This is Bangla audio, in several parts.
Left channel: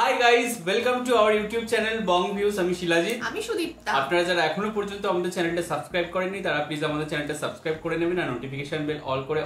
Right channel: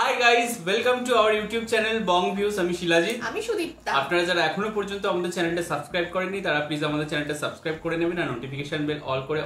Hi guys, welcome to our YouTube channel Bong views. আমি শিলাজিৎ, আমি সুদীপ্তা। আপনারা যারা এখনো পর্যন্ত আমাদের চ্যানেলটা সাবস্ক্রাইব করেননি তারা প্লিজ আমাদের চ্যানেলটা সাবস্ক্রাইব করে নেবেন আর নোটিফিকেশন বেল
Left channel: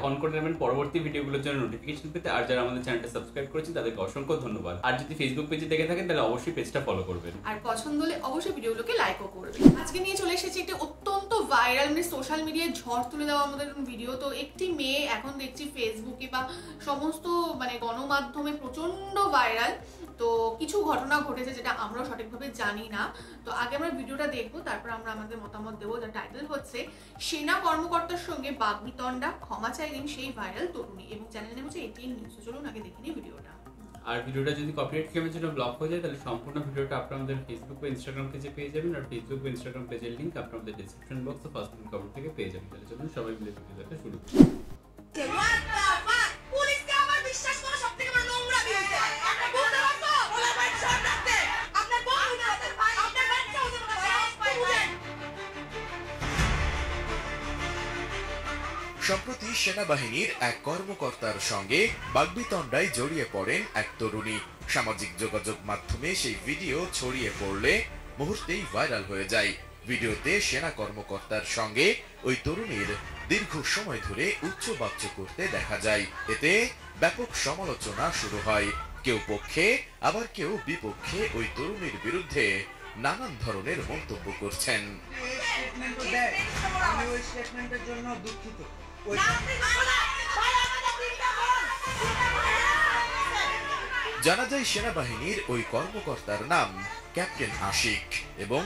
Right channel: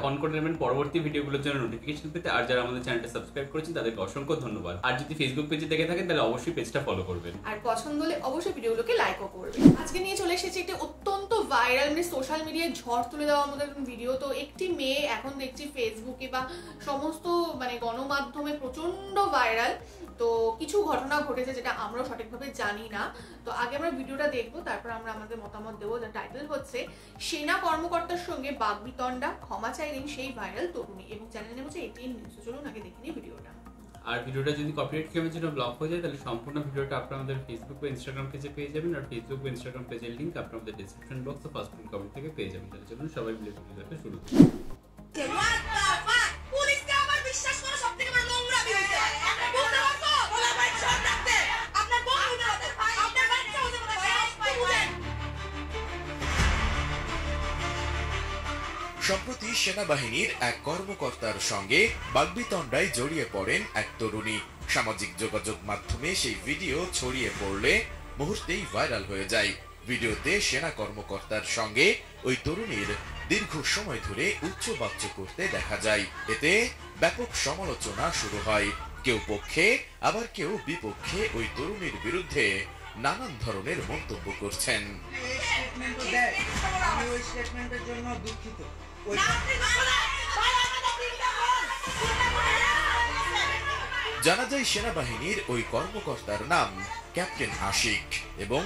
অন করে নেবেন পরবর্তী ভিডিওগুলোর জন্য নোটিফিকেশন পেতে। আর যারা আমাদের চ্যানেলটা সাবস্ক্রাইব করেছেন তাদেরকে অসংখ্য ধন্যবাদ। আর যদি ফেসবুক পেজে দেখে থাকেন তাহলে অবশ্যই পেজটা ফলো করবেন আর পছন্দ হলে অবশ্যই ভিডিওগুলোকে লাইকও করবেন। আজকে নিয়ে চলে এসেছে একটা অত্যন্ত ভাইরাল, মানে সোশ্যাল মিডিয়ায় ঝড় তুলে দেওয়ার মতো একটা ভিডিও। তো একটি মেয়ে এখন দেখছি ফেসবুকে বা সমস্ত মানে গণমাধ্যমে প্রচন্ড ভাইরাল। তো কিছু ঘটনা ঘটেছে যেটা আমরাও সঠিকভাবে জানি না। তো আগে আমরা ভিডিওটা দেখবো, তারপর আমরা আমাদের মতামত দেবো। যার টাইটেল হচ্ছে সেনা কর্মকর্তার সঙ্গে বাগবিতণ্ডা, ক্ষমা চাইলেন সেই ভাইরাল তরুণী, এবং চ্যানেল নেম হচ্ছে এটিএন নিউজ। চলুন আগে দেখে নিই ভিডিওটা। আর ভিডিওটা যদি কপিরাইট ক্লেমের জন্য ব্লক হয়ে যায় তাহলে সম্পূর্ণ ভিডিওটা আপনারা আমাদের ফেসবুক বা ইনস্টাগ্রাম পেজে পেয়ে যাবেন। আর ফেসবুক বা ইনস্টাগ্রাম পেজের লিংক আপনারা আমাদের ডেসক্রিপশন বক্স ও ফার্স্ট পিন কমেন্ট থেকে পেয়ে যাবেন। তাহলে চলুন সবাই মিলে ভিডিওটা শুরু করি। সম্প্রতি সেনাবাহিনীর এক কর্মকর্তার সঙ্গে বাগবিতণ্ডায় জড়িয়ে পড়েন এক তরুণী। সামাজিক যোগাযোগ মাধ্যমে সেই ভিডিও ছড়িয়ে পড়লে মুহূর্তেই ভাইরাল হয়ে যায়। ভিডিওতে সেনা কর্মকর্তার সঙ্গে ওই তরুণীর দীর্ঘ সময় ধরে উচ্চবাচ্য করতে দেখা যায়। এতে ব্যাপক সমালোচনা শুরু হয়। কেউ পক্ষে আবার কেউ বিপক্ষে ওই তরুণীর বিরুদ্ধে নানান ধরনের মন্তব্য করছেন। আমি ওই স্টেটমেন্টের জন্য দুঃখিত। জানা যায় সেনাবাহিনীর ওই কর্মকর্তার নাম ক্যাপ্টেন আশিক এবং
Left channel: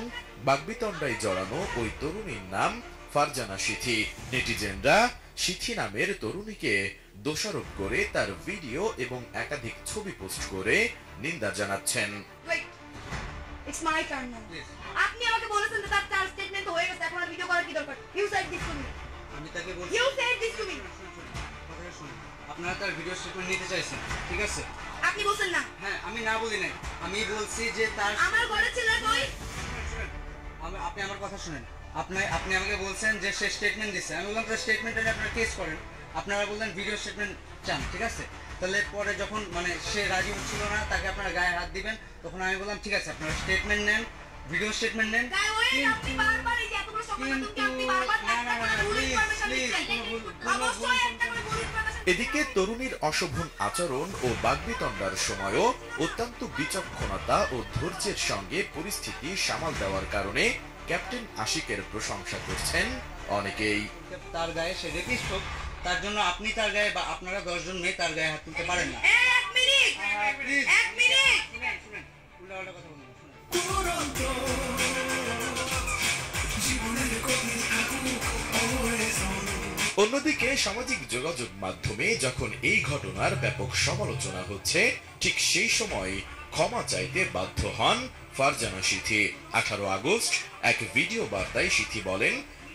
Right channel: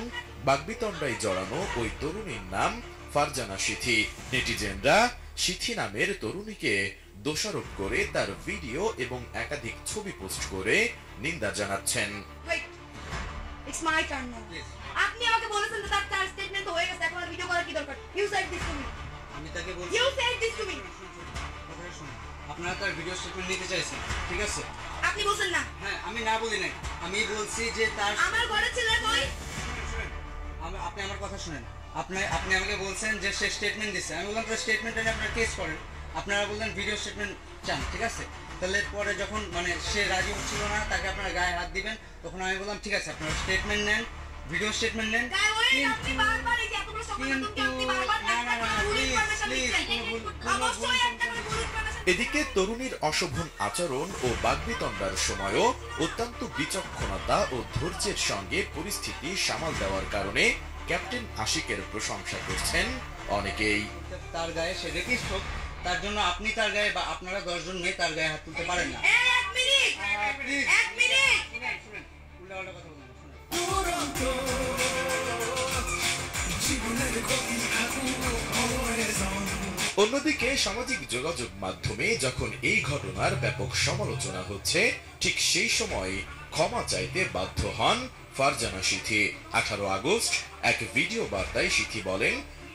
বাগবিতণ্ডায় জড়ানো ওই তরুণীর নাম ফারজানা সিথি। নেটিজেনরা সিথি নামের তরুণীকে দোষারোপ করে তার ভিডিও এবং একাধিক ছবি পোস্ট করে নিন্দা জানাচ্ছেন। It's my turn now. আপনি আমাকে বলেছেন যে তার স্টেটমেন্ট হয়ে গেছে, এখন আর ভিডিও করার কি দরকার? You said this to me. আমি তাকে বলছি You said this to me. কথাটা শুনুন। আপনারা তার ভিডিও স্টেটমেন্ট নিতে চাইছেন, ঠিক আছে? আপনি বলছেন না। হ্যাঁ, আমি না বলি নাই। আমি বলছি যে তার আমার ঘরে ছিল কই? আপনি আমার কথা শুনেন। আপনি আমাকে বলছেন যে সে স্টেটমেন্ট দিছে। আমি বললাম তার স্টেটমেন্টটা নিয়ে আপনারা কেস করেন। আপনারা বললেন ভিডিও স্টেটমেন্ট চান, ঠিক আছে? তাহলে পরে যখন মানে সে রাজি হচ্ছিল না, তাকে আপনারা গায়ে হাত দিবেন, তখন আমি বললাম ঠিক আছে আপনারা স্টেটমেন্ট নেন, ভিডিও স্টেটমেন্ট নেন। আপনি বারবার এই যে এতগুলো সংবাদ আপনি বারবার অবশ্যই একটা করে ভুল ইনফরমেশন। এদিকে তরুণীর অশোভন আচরণ ও বাগবিতণ্ডার সময়ও অত্যন্ত বিচক্ষণতা ও ধৈর্যের সঙ্গে পরিস্থিতি সামাল দেওয়ার কারণে ক্যাপ্টেন আশিকের প্রশংসা করছেন অনেকেই। তার গায়ে সে রেপিস্ট হোক, তার জন্য আপনি তার গায়ে বা আপনারা 10 জন মেয়ে তার গায়ে হাত তুলতে পারেন না। এক মিনিট শুনেন, উল্টাপাল্টা কথা বলবেন না, শুনেন। অন্যদিকে সামাজিক যোগাযোগ মাধ্যমে যখন এই ঘটনার ব্যাপক সমালোচনা হচ্ছে, ঠিক সেই সময় ক্ষমা চাইতে বাধ্য হন ফারজানা সিথি। 18 আগস্ট এক ভিডিও বার্তায় সিথি বলেন,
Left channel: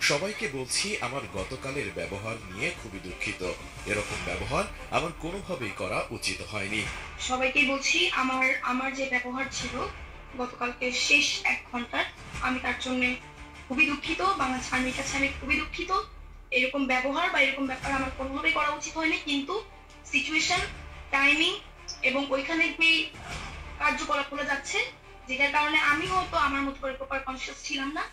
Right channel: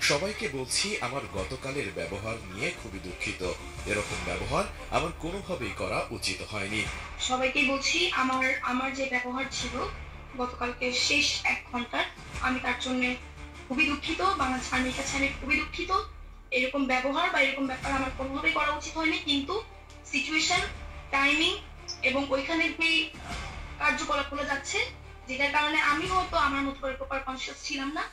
সবাইকে বলছি আমার গতকালের ব্যবহার নিয়ে খুবই দুঃখিত। এরকম ব্যবহার আমার কোনোভাবেই করা উচিত হয়নি। সবাইকে বলছি আমার যে ব্যবহার ছিল গতকালকে শেষ 1 ঘন্টার, আমি তার জন্য খুবই দুঃখিত। বাংলাদেশ আর্মির কাছে আমি খুবই দুঃখিত। এরকম ব্যবহার বা এরকম ব্যাপার আমার কোনোভাবেই করা উচিত হয়নি, কিন্তু সিচুয়েশন, টাইমিং এবং ওইখানে যে কার্যকলাপগুলো যাচ্ছে, যেটার কারণে আমি হয়তো আমার মতো করে প্রপার কনসিয়াস ছিলাম না।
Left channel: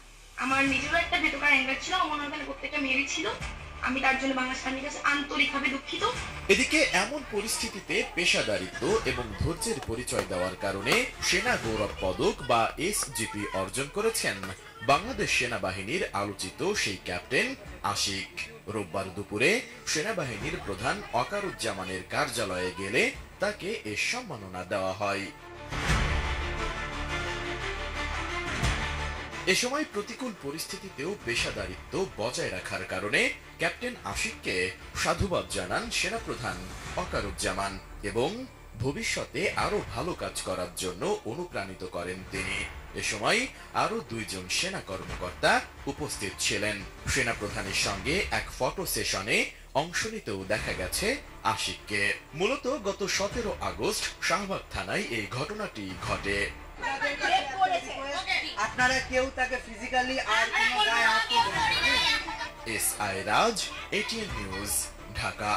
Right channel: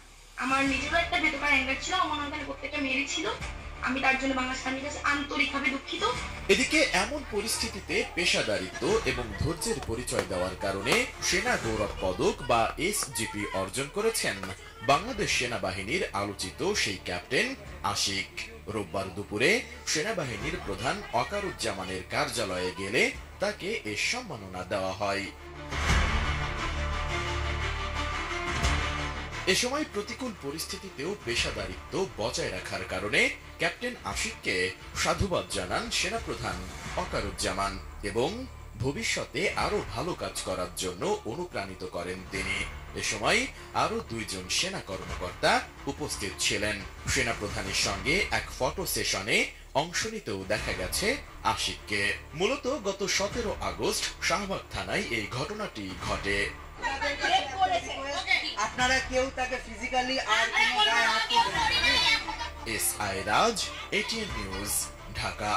আমার নিজেরও একটা ভেতরকার অ্যাঙ্গার ছিল, আমার ওখানে প্রত্যেকটা মেয়েরই ছিল। আমি তার জন্য বাংলাদেশ আর্মির কাছে আন্তরিকভাবে দুঃখিত। এদিকে এমন পরিস্থিতিতে পেশাদারিত্ব এবং ধৈর্যের পরিচয় দেওয়ার কারণে সেনা গৌরব পদক বা এসজিপি অর্জন করেছেন বাংলাদেশ সেনাবাহিনীর আলোচিত সেই ক্যাপ্টেন আশিক। রোববার দুপুরে সেনাবাহিনীর প্রধান ওয়াকারুজ্জামানের কার্যালয়ে গেলে তাকে এ সম্মাননা দেওয়া হয়। এ সময় প্রতিকূল পরিস্থিতিতেও পেশাদারিত্ব বজায় রাখার কারণে ক্যাপ্টেন আশিককে সাধুবাদ জানান সেনাপ্রধান ওয়াকারুজ্জামান এবং ভবিষ্যতে আরো ভালো কাজ করার জন্য অনুপ্রাণিত করেন তিনি। এ সময় আরো 2 জন সেনা কর্মকর্তা উপস্থিত ছিলেন। সেনাপ্রধানের সঙ্গে এক ফটো সেশনে অংশ নিতেও দেখা গেছে আশিককে। মূলত গত 17 আগস্ট শাহবাগ থানায় এই ঘটনাটি ঘটে। আপনারা কেউ তাকে ফিজিক্যালি আর কোনো গায়ে হাত তুলবেন না। এসআই রাজ, এটিএন নিউজ, ঢাকা।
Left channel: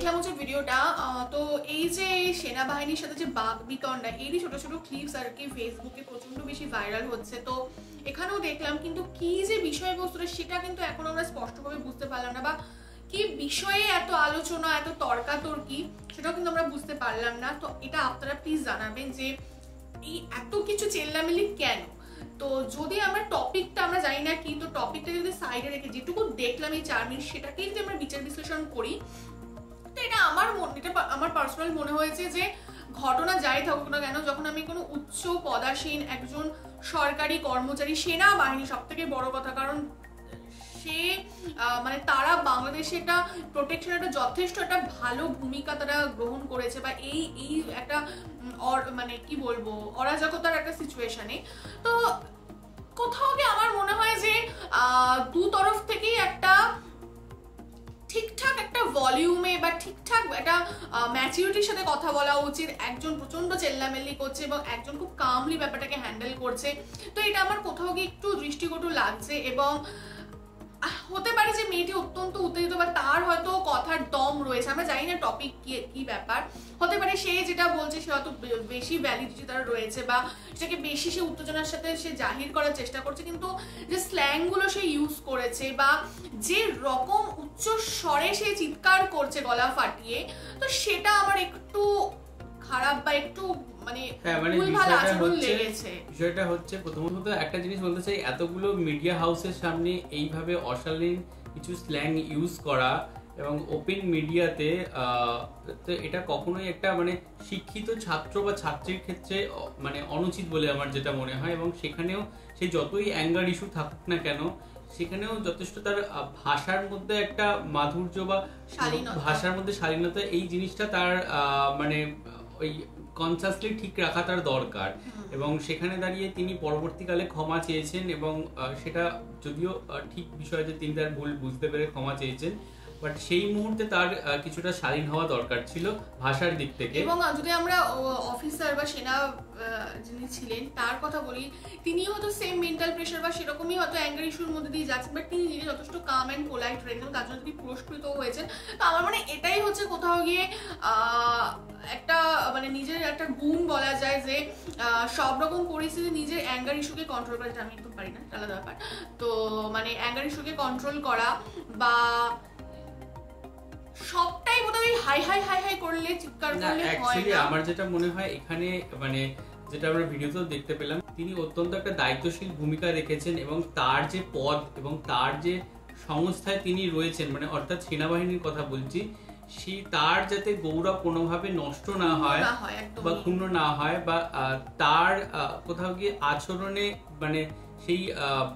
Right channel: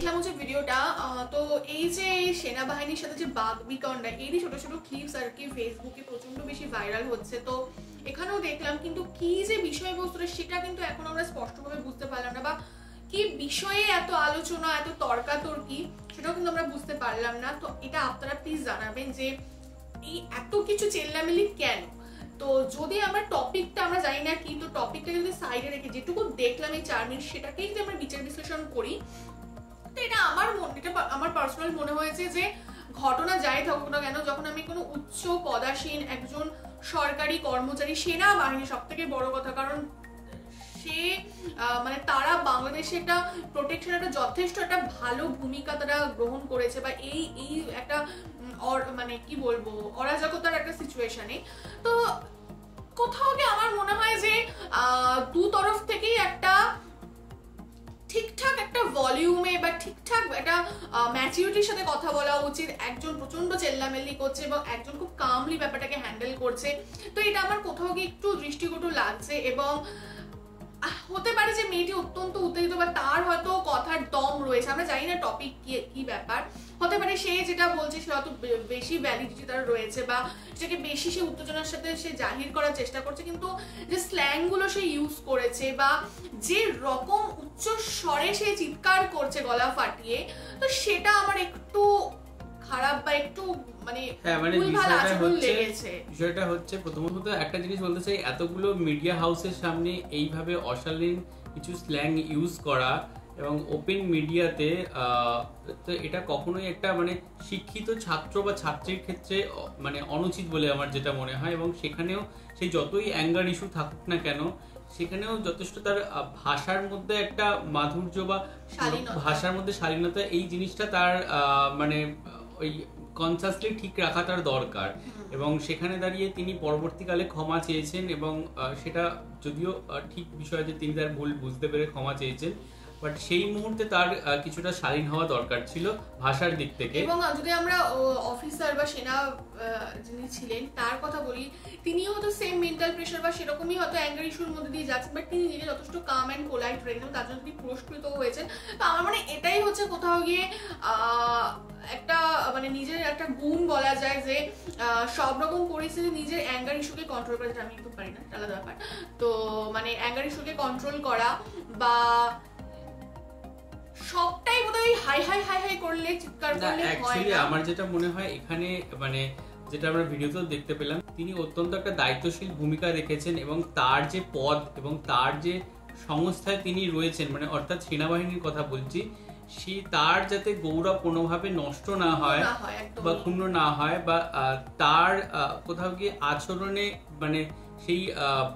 দেখলাম হচ্ছে ভিডিওটা, তো এই যে সেনাবাহিনীর সাথে যে বাকবিতণ্ডা, এরই ছোট ছোট ক্লিপস আর কি ফেসবুকে প্রচন্ড বেশি ভাইরাল হচ্ছে। তো এখানেও দেখলাম, কিন্তু কি যে বিষয়বস্তুটা সেটা কিন্তু এখন আমরা স্পষ্টভাবে বুঝতে পারলাম না, বা কি বিষয়ে এত আলোচনা, এত তর্কাতর্কি, সেটাও কিন্তু আমরা বুঝতে পারলাম না। তো এটা আপনারা প্লিজ জানাবেন যে এই এত কিছু চেল্লামেলি কেন। তো যদি আমরা টপিকটা আমরা জানি না কি, তো টপিকটা যদি সাইডে রেখে যেটুকু দেখলাম এই 4 মিনিট সেটাকেই যদি আমরা বিচার বিশ্লেষণ করি, তো এটা আমার পার্সোনাল মনে হয়েছে যে ঘটনা যাই থাকুক না কেন, যখন আমি কোনো উচ্চ পদাসীন একজন সরকারি কর্মচারী, সেনাবাহিনী সব থেকে বড় কথা, কারণ সে মানে তারা বাংলাদেশে একটা প্রোটেকশন, একটা যথেষ্ট একটা ভালো ভূমিকা তারা গ্রহণ করেছে, বা এই একটা মানে কি বলবো অরাজকতার একটা সিচুয়েশনে। তো কোথাও গিয়ে আমার মনে হয় যে দু তরফ থেকেই একটা ঠিকঠাক একটা ভলিউমে বা ঠিকঠাক একটা ম্যাচিউরিটির সাথে কথা বলা উচিত। একজন প্রচন্ড চেল্লামেল্লি করছে এবং একজন খুব কামলি ব্যাপারটাকে হ্যান্ডেল করছে। তো এটা আমার কোথাও গিয়ে একটু দৃষ্টিকটু লাগছে, এবং হতে পারে যে মেয়েটি অত্যন্ত উত্তেজিত বা তার হয়তো কথার দম রয়েছে, আমরা জানি না টপিক কি ব্যাপার। হতে পারে সে যেটা বলছে সে হয়তো বেশি ভ্যালিডিটি তার রয়েছে, বা সেটাকে বেশি সে উত্তেজনার সাথে সে জাহির করার চেষ্টা করছে, কিন্তু যে স্ল্যাং গুলো সে ইউজ করেছে বা যে রকম উচ্চ স্বরে সে চিৎকার করছে গলা ফাটিয়ে, তো সেটা আমার একটু খারাপ বা একটু মানে বিষয়টা হচ্ছে প্রথমত একটা জিনিস বলতে চাই, এতগুলো মিডিয়া হাউসের সামনে এইভাবে অশালীন কিছু স্ল্যাং ইউজ করা এবং ওপেন মিডিয়াতে, তো এটা কখনোই একটা মানে শিক্ষিত ছাত্র বা ছাত্রীর ক্ষেত্রে মানে অনুচিত বলে আমার যেটা মনে হয়। এবং সেখানেও সে যতই অ্যাঙ্গার ইস্যু থাকুক না কেন, সেখানেও যথেষ্ট তার ভাষার মধ্যে একটা মাধুর্য বা ভাষার মধ্যে শালীনতা, এই জিনিসটা তার মানে ওই কনসাসলি ঠিক রাখা তার দরকার। এবং সেখানে দাঁড়িয়ে তিনি পরবর্তীকালে ক্ষমা চেয়েছেন, এবং সেটা যদিও ঠিক বিষয় যে তিনি তার ভুল বুঝতে পেরে ক্ষমা চেয়েছেন, বাট সেই মুহূর্তে তার কিছুটা স্বাধীন হওয়া দরকার ছিল ভাষার দিক থেকে। এবং যদি আমরা অফিসার বা সেনা যিনি ছিলেন তার কথা বলি, তিনি হয়তো সেম মেন্টাল প্রেশার বা সেরকমই হয়তো অ্যাঙ্গার ইস্যুর মধ্যে দিয়ে যাচ্ছেন, বাট তিনি নিজে যথেষ্ট কাম অ্যান্ড পোলাইট রেখেছেন, তার জন্য তিনি পুরস্কৃত হয়েছেন। তো আমার মানে এটাই হচ্ছে কোথাও গিয়ে একটা মানে নিজের একটা গুণ বলা যায়, যে সব রকম পরিস্থিতি নিজের অ্যাঙ্গার ইস্যুকে কন্ট্রোল করা, আমি কিন্তু পারি না, আলাদা ব্যাপার। তো মানে অ্যাঙ্গার ইস্যুকে কন্ট্রোল করা বা সবটাই বোধহয় হাই হাই হাই হাই করলে চিৎকার করলে হয় না। আমার যেটা মনে হয় এখানে মানে যেটা আমরা ভিডিওতেও দেখতে পেলাম, তিনি অত্যন্ত একটা দায়িত্বশীল ভূমিকা রেখেছেন, এবং তার যে পদ এবং তার যে সংস্থায় তিনি রয়েছেন, মানে অর্থাৎ সেনাবাহিনীর কথা বলছি, তার যাতে গৌরব কোনোভাবে নষ্ট না হয় বা ক্ষুণ্ণ না হয়, বা তার কোথাও গিয়ে আচরণে মানে সেই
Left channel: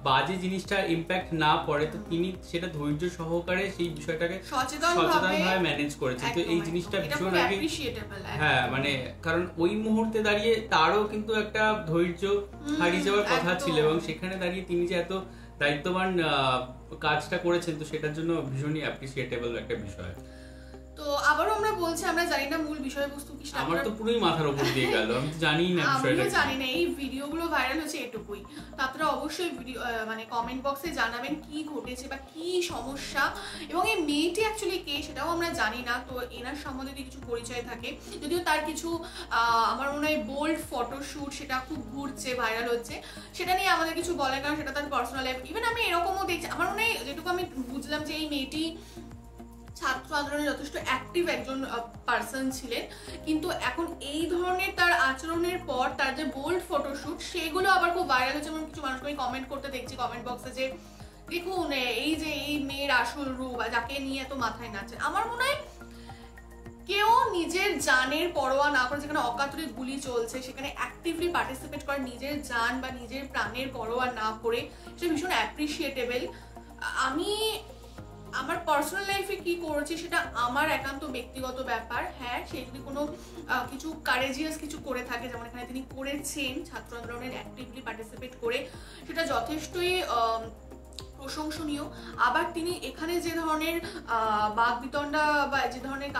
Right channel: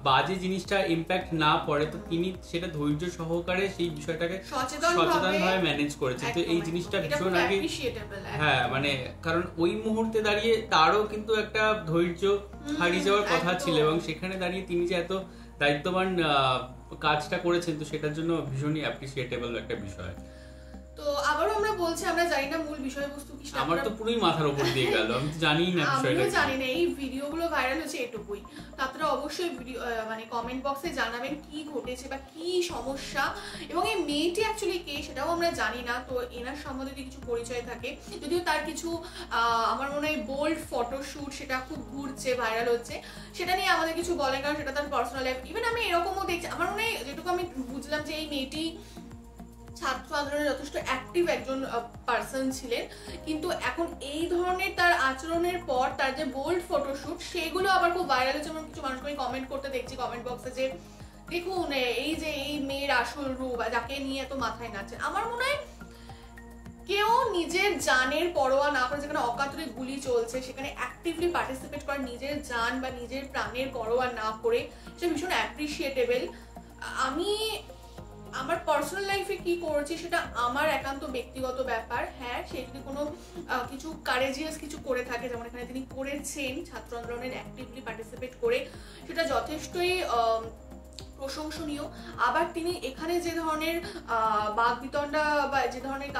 বাজে জিনিসটা ইম্প্যাক্ট না পড়ে, তো তিনি সেটা ধৈর্য সহকারে সেই বিষয়টাকে সচেতনভাবে ম্যানেজ করেছেন। তো এই জিনিসটা ভীষণ আগে, হ্যাঁ মানে কারণ ওই মুহূর্তে দাঁড়িয়ে তারও কিন্তু একটা ধৈর্য হারিয়ে যাওয়ার কথা ছিল, এবং সেখানে দাঁড়িয়ে তিনি যে এত দায়িত্ববান কাজটা করেছেন, তো সেটার জন্য ভীষণই অ্যাপ্রিসিয়েটেবল একটা বিষয়। তো আবারও আমরা বলছি, আমরা জানি না মূল বিষয়বস্তু কি, আমার তো পুরোই মাথার উপর দিয়ে গেল, আমি তো জানি না বিষয়টা, আমিও জানি না। এই ভিডিওগুলো ভাইরাল হচ্ছে এটুকুই। তো আপনারা অবশ্যই ভিডিও মানে কমেন্ট বক্সে জানাবেন কি ঘটেছে বা কি সমস্যা, এবং এই মেয়েটি অ্যাকচুয়ালি কে সেটাও আমরা জানি না। তো এনার সম্বন্ধে কিছু পরিচয় থাকে, যদিও তার কিছু আমার মনে হয় বোল্ড ফটোশুট সেটা খুব ঘুরছে, ভাইরাল হচ্ছে, সেটা নিয়ে আমাদের কিছু বলে, কারণ সেটা তার পার্সোনাল লাইফ। ইভেন আমি এরকমও দেখছি, আমার মনে হয় যেটুকু আমি বুঝলাম যে এই মেয়েটি ছাত্র আন্দোলনে যথেষ্ট অ্যাক্টিভ একজন পার্সন ছিলেন, কিন্তু এখন এই ধরনের তার আচরণের পর তার যে বোল্ড ফটোশুট সেগুলো আবার খুব ভাইরাল হচ্ছে। যেমন কিছু মানুষকে আমি কমেন্ট করতে দেখছি কমেন্ট বক্সে যে দেখুন এই যে এই মেয়ের আসল রূপ, যাকে নিয়ে এত মাথায় নাচছে। আমার মনে হয় কেউ নিজের জানের পরোয়া না করে, যেখানে অকাতরে গুলি চলছে সেখানে অ্যাক্টিভলি পার্টিসিপেট করে, নিজের জান বা নিজের প্রাণের পরোয়া না করে, সেটা ভীষণ অ্যাপ্রিসিয়েটেবল। আমি আমার পার্সোনাল লাইফে কি করছি সেটা আমার একান্ত ব্যক্তিগত ব্যাপার। হ্যাঁ, সে যদি কোনো কিছু কারেজিয়াস কিছু করে থাকে, যেমন এখানে তিনি করেছেন ছাত্র আন্দোলনের অ্যাক্টিভলি পার্টিসিপেট করে, সেটা যথেষ্টই প্রশংসনীয়। আবার তিনি এখানে যে ধরনের বাকবিতণ্ডা বা যে ধরনের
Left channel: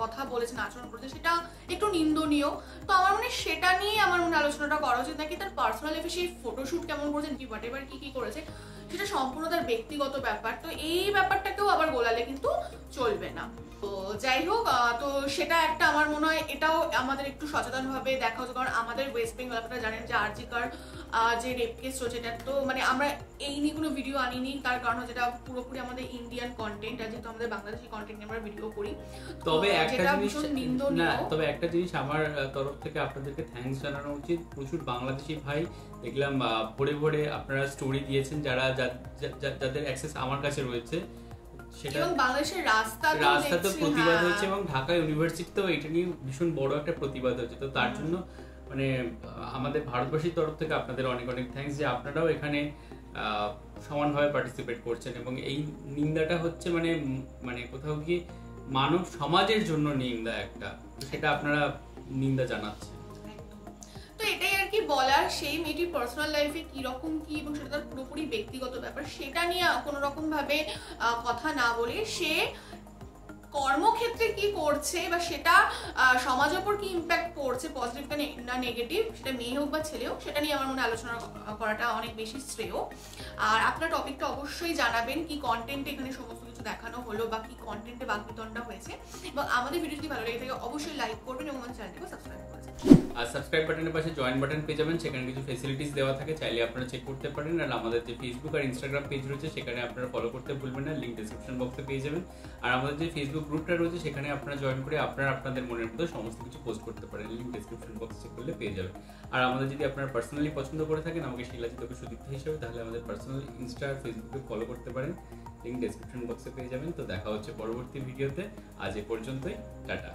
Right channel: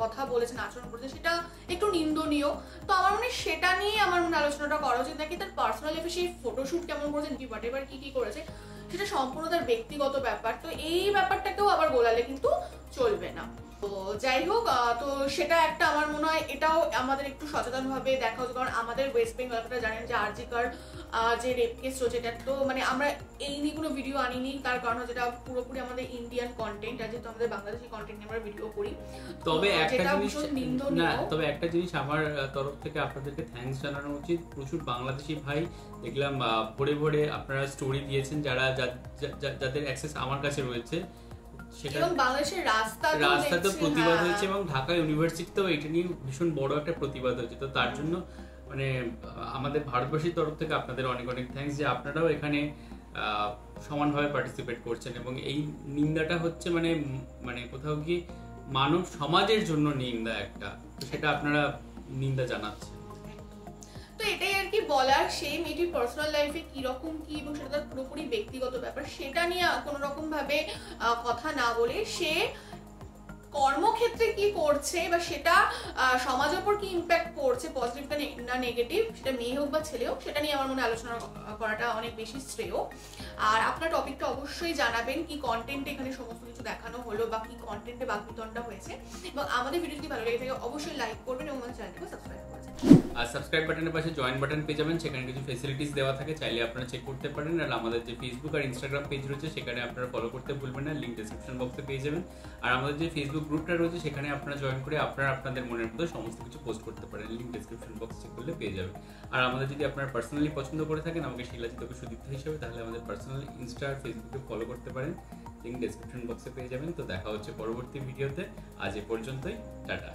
কথা বলেছেন, আচরণ করেছেন, সেটা একটু নিন্দনীয়। তো আমার মনে সেটা নিয়ে আমার মনে আলোচনাটা করা উচিত, নাকি তার পার্সোনাল লাইফে সেই ফটোশুট কেমন করেছেন, হোয়াট এভার কি করেছে সেটা সম্পূর্ণ তার ব্যক্তিগত ব্যাপার। তো এই ব্যাপারটাকেও আবার গোলালে কিন্তু চলবে না। তো যাই হোক, তো সেটা একটা আমার মনে হয় এটাও আমাদের একটু সচেতন ভাবে দেখা উচিত, কারণ আমাদের ওয়েস্ট বেঙ্গল আপনারা জানেন যে আর জি কর যে রেপ কেস রয়েছে, এটা তো মানে আমরা এই নিয়ে কোনো ভিডিও আনিনি, তার কারণ যেটা পুরোপুরি আমাদের ইন্ডিয়ান কন্টেন্ট, আর যেহেতু আমাদের বাংলাদেশি কন্টেন্ট আমরা ভিডিও করি। তবে একটা জিনিস আমার তরফ থেকে আপনাদেরকে থ্যাঙ্কস জানানো উচিত, প্রচুর বাংলাদেশি ভাই দেখলাম ভোরে ভোরে আপনারা স্টোরি দিয়েছেন, যাদের অ্যাক্সেস আমার কাছে রয়েছে, সেটা বাংলাদেশের রাস্তা তো প্রতিবাদ হয়েছে, এবং ঢাকা ইউনিভার্সিটিতেও এটা নিয়ে ভীষণ বড় একটা প্রতিবাদ হয়েছে। তো তার জন্য মানে আমাদের ভারতবর্ষের তরফ থেকে আপনাদের অনেক অনেক থ্যাঙ্কস যে আপনারাও এখানে সমানভাবে পার্টিসিপেট করছেন, এবং এই নিন্দাটা হচ্ছে মানে মানে কোথাও গিয়ে মানব সমাজের জন্য নিন্দা একটা, সেটা আপনারা নিন্দা জানাচ্ছেন। তো এটাই আর কি বলার, সেই মেয়েটির পার্সোনাল লাইফে কিরকম কি এবং সেটা তার পুরোপুরি ব্যক্তিগত ব্যাপার, সেটা নিয়ে কোনো রকম ভাবে কথা না বলে সে কর্মক্ষেত্রে কি করছে বা সেটা সমাজের উপর কি ইম্প্যাক্ট করছে, পজিটিভ না নেগেটিভ, সেটা মেয়ে হোক বা ছেলে হোক, সেটা নিয়ে আমার মনে আলোচনা করাটা অনেক বেশি শ্রেয়। আর আপনার টপিকটা অবশ্যই জানাবেন, কি কন্টেন্টে এখানে সমস্ত কিছু দেখানো হলো বা কি কন্টেন্টে বাকবিতণ্ডা হয়েছে, এবং আমাদের ভিডিও যদি ভালো লেগে থাকে অবশ্যই লাইক করবেন এবং আমাদের চ্যানেলটিকে সাবস্ক্রাইব করবেন। আর সাবস্ক্রাইব বাটনের পাশে জয়েন বাটন পেয়ে যাবেন, সেখানে কিছু ফেসিলিটিস দেওয়া থাকে, চাইলে আপনারা চেক করতে পারেন। আর আমাদের যে ফেসবুক আর ইনস্টাগ্রাম পেজ রয়েছে সেখানে আপনারা ফলো করতে ভুলবেন না, লিঙ্ক ডেসক্রিপশন বক্সে পেয়ে যাবেন। আর আমাদের যে ফেসবুক গ্রুপটা রয়েছে সেখানে আপনারা জয়েন করে আপনারা আপনাদের মনের মতো সমস্ত কিছু পোস্ট করতে পারেন, লিঙ্ক ডেসক্রিপশন বক্সে করলে পেয়ে যাবেন। আর আমাদের যদি আপনারা পার্সোনালি পছন্দ করে থাকেন আমাকে শিলাজিৎ সুদীপ্ত হিসেবে, তাহলে আমাদের পার্সোনাল ইনস্টা আর ফেসবুকে ফলো করতে পারেন, লিঙ্ক ডেসক্রিপশন বক্সে পেয়ে যাবেন। তো দেখা হচ্ছে পরবর্তী ভিডিওতে, আজ এ পর্যন্তই, টাটা।